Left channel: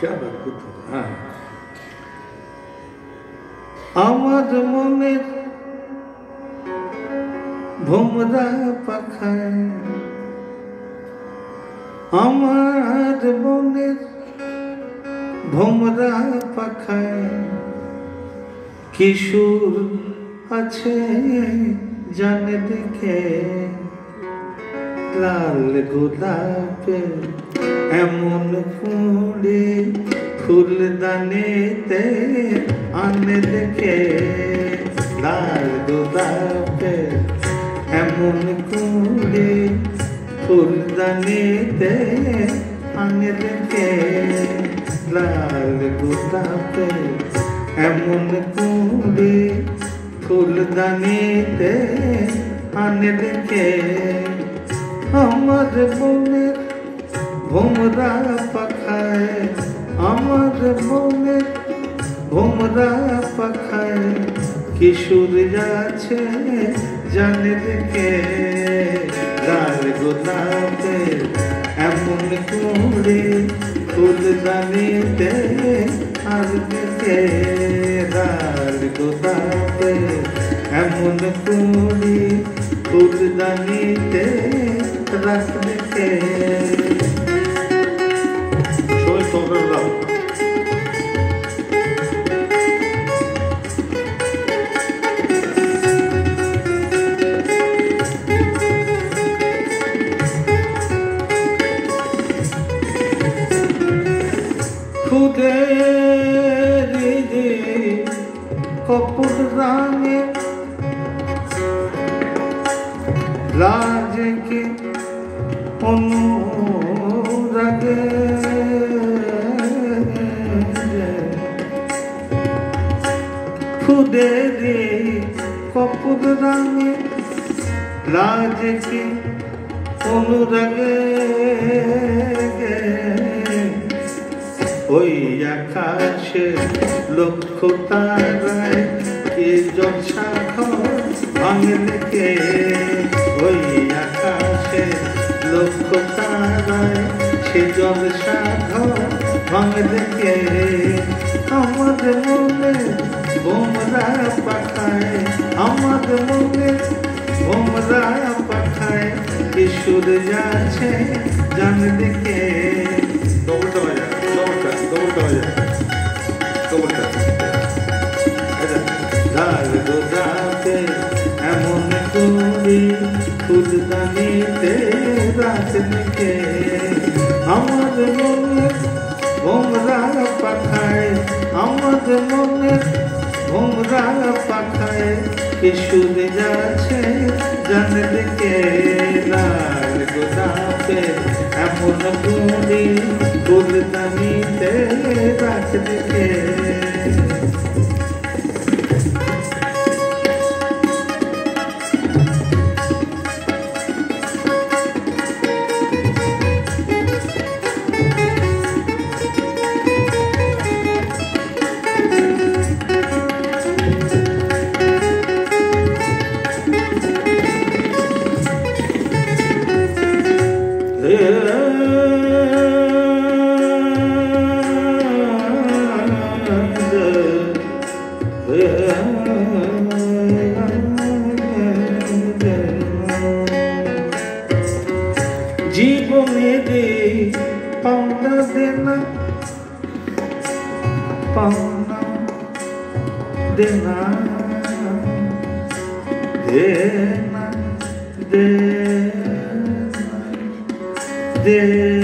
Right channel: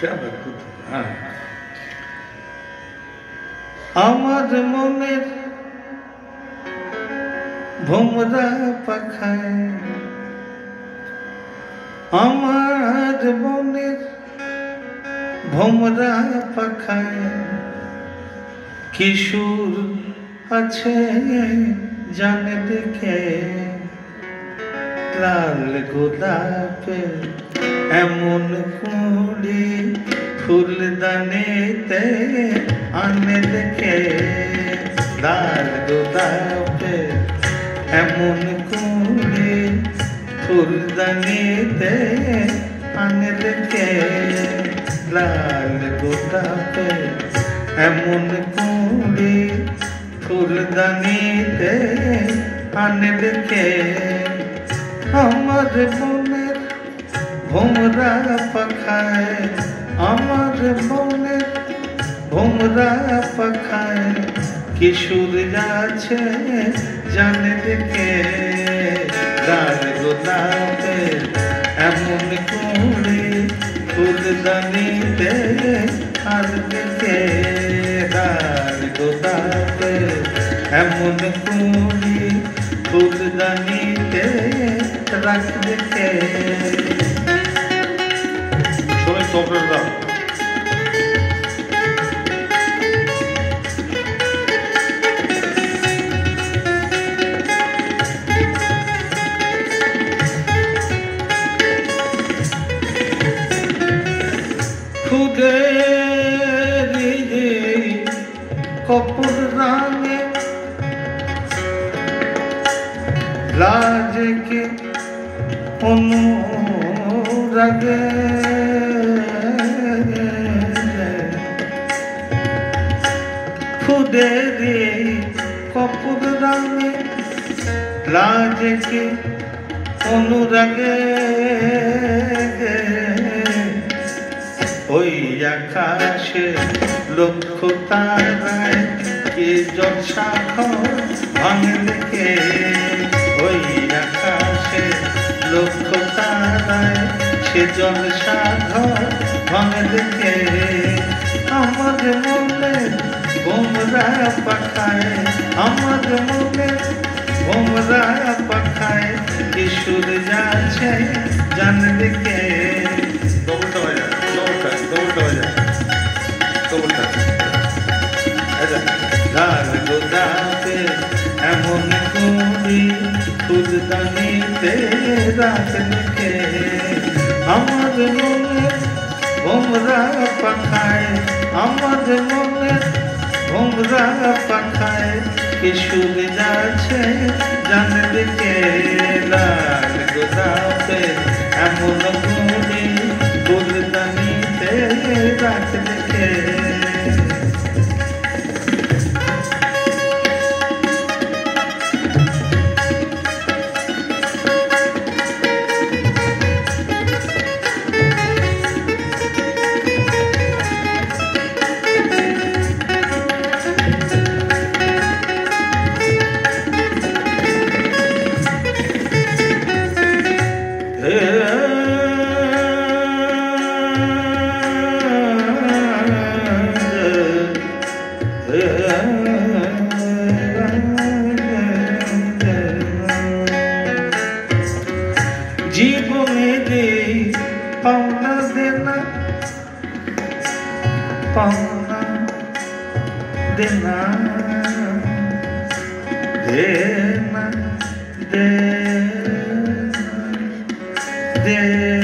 क्या अद्भुत है। हाँ, আমার মনের ভোমরা পাখায়, আমার মনের ভোমরা পাখায় কিশোর আছে জানে দেখে, লাল গোলাপের এমন কুঁড়ি ফুলদানিতে আনে দেখে, লাল গোলাপের এমন কুঁড়ি ফুলদানিতে আনে দেখে, লাল গোলাপের এমন কুঁড়ি ফুলদানিতে আনে দেখে, আমার মনের ভোমরা পাখায়, আমার মনের ভোমরা পাখায় কিশোর আছে জানে দেখে, লাল গোলাপের এমন কুঁড়ি ফুলদানিতে আর দেখে, লাল গোলাপের এমন কুঁড়ি ফুলদানিতে রাখ দেখে। সবাই সফর দাও। খুদের কপুর রাঙে লাজকে অনুরাগে, খুদেরে কপুর রাঙে লাজকে অনুরাগে, ওই আকাশে লক্ষ তারায় কে জলসাঘর ভাঙে দেখে, ওই আকাশে লক্ষ তারায় সে জলসাঘর ভাঙে দেখে, আমার মনে ভোমরা পাখায়, আমার মনে ভোমরা পাখায় কিশোর যাচ্ছে জান দেখে। লাল গোলাপের এমন কুঁড়ি ফুলদানিতে রাখ দেখে, আমার মনে ভোমরা পাখায়, আমার মনে ভোমরা পাখায় কিশোর যাচ্ছে জান দেখে, লাল গোলাপের এমন কুঁড়ি ফুলদানিতে রাখ দেখে। জীবনে পাওনা দেনা पाना देना देना देना देना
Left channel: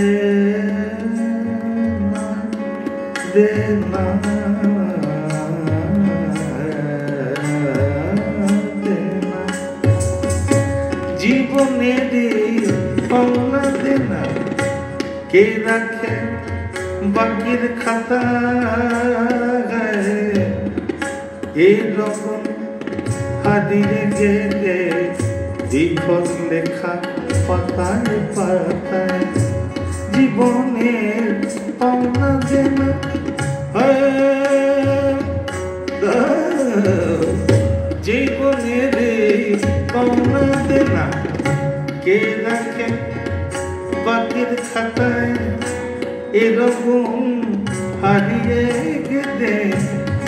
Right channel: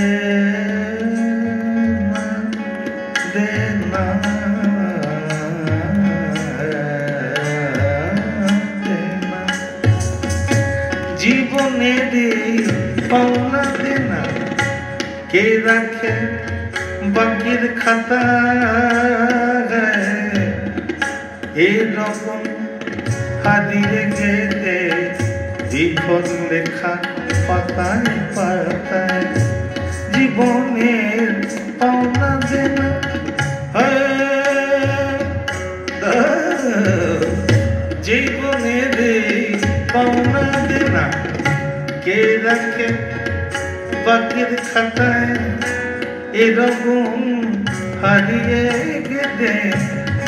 देना জীবনে রে পাওনা দেনা কে রাখে বাকির খাতা এরকম হারিয়ে গেলে বিফল লেখা পাতায় পাতায় জীবনের পাওনা দেনা জীবনের পাওনা দেনা কে রাখে বাকির খাতায় এরকম হারিয়ে গেলে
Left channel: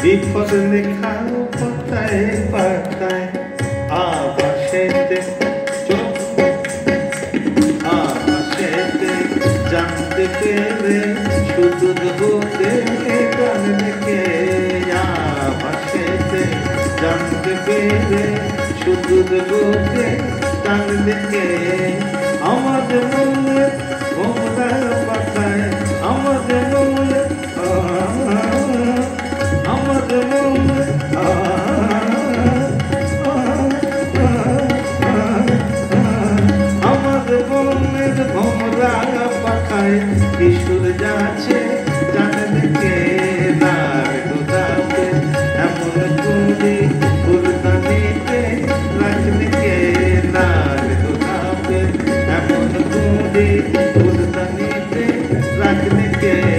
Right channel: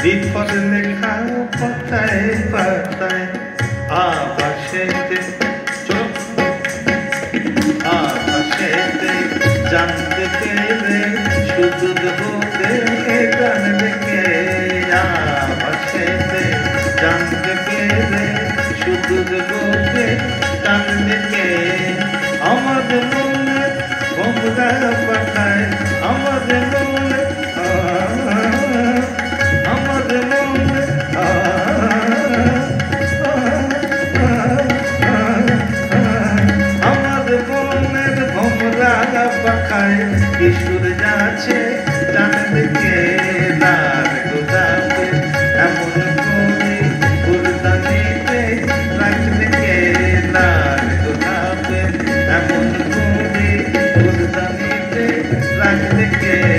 বিফল লেখা পাতায় পাতায় আবাসেতে আবাসেতে জানতে পেরে শুধু বলতে গান লেখে আবাসেতে জানতে পেরে শুধু বলতে গান লেখে আমাদের মনে ভোমরা পাঠায় আমাদের মনে আমাদের মনে আমাদের মনের ভোমরা পাঠায় কিশোর যাচ্ছে জানবে কে নার গোদাতে এমন করে ফুলদানিতে রাখলে কে নার গোদাতে এমন করে ফুলদানিতে রাখলে কে